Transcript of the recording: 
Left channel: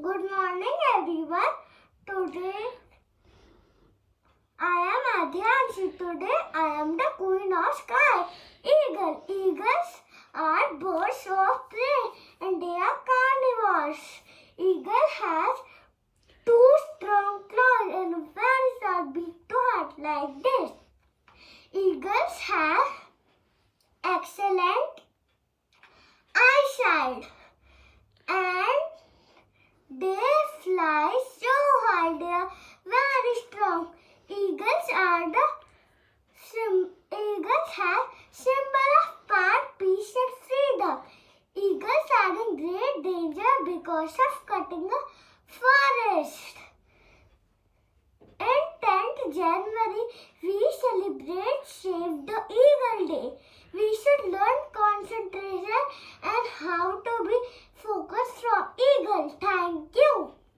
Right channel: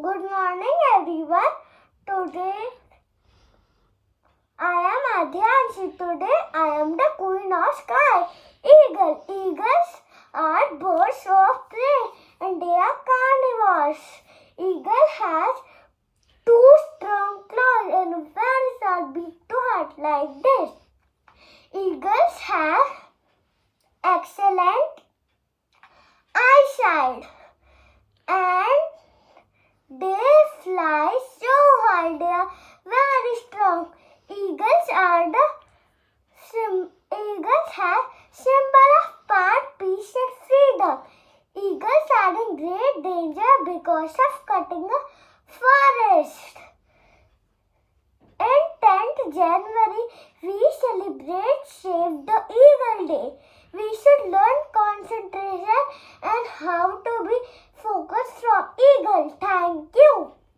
Good morning, everyone. Today I am Adya and today I am the queen of sky. Eagle. Eagles are birds of prey and they are carnivores. Eagle has two strong claws and a very sharp beak to hurt like this. Eagles have excellent eyesight and they fly so high. They are very strong. Eagles have symbol of power, peace and freedom. Eagles are in great danger because of cutting a forest. In 10th January, we celebrate Save the Eagle Day. We should learn concentration and how to be focused from eagle.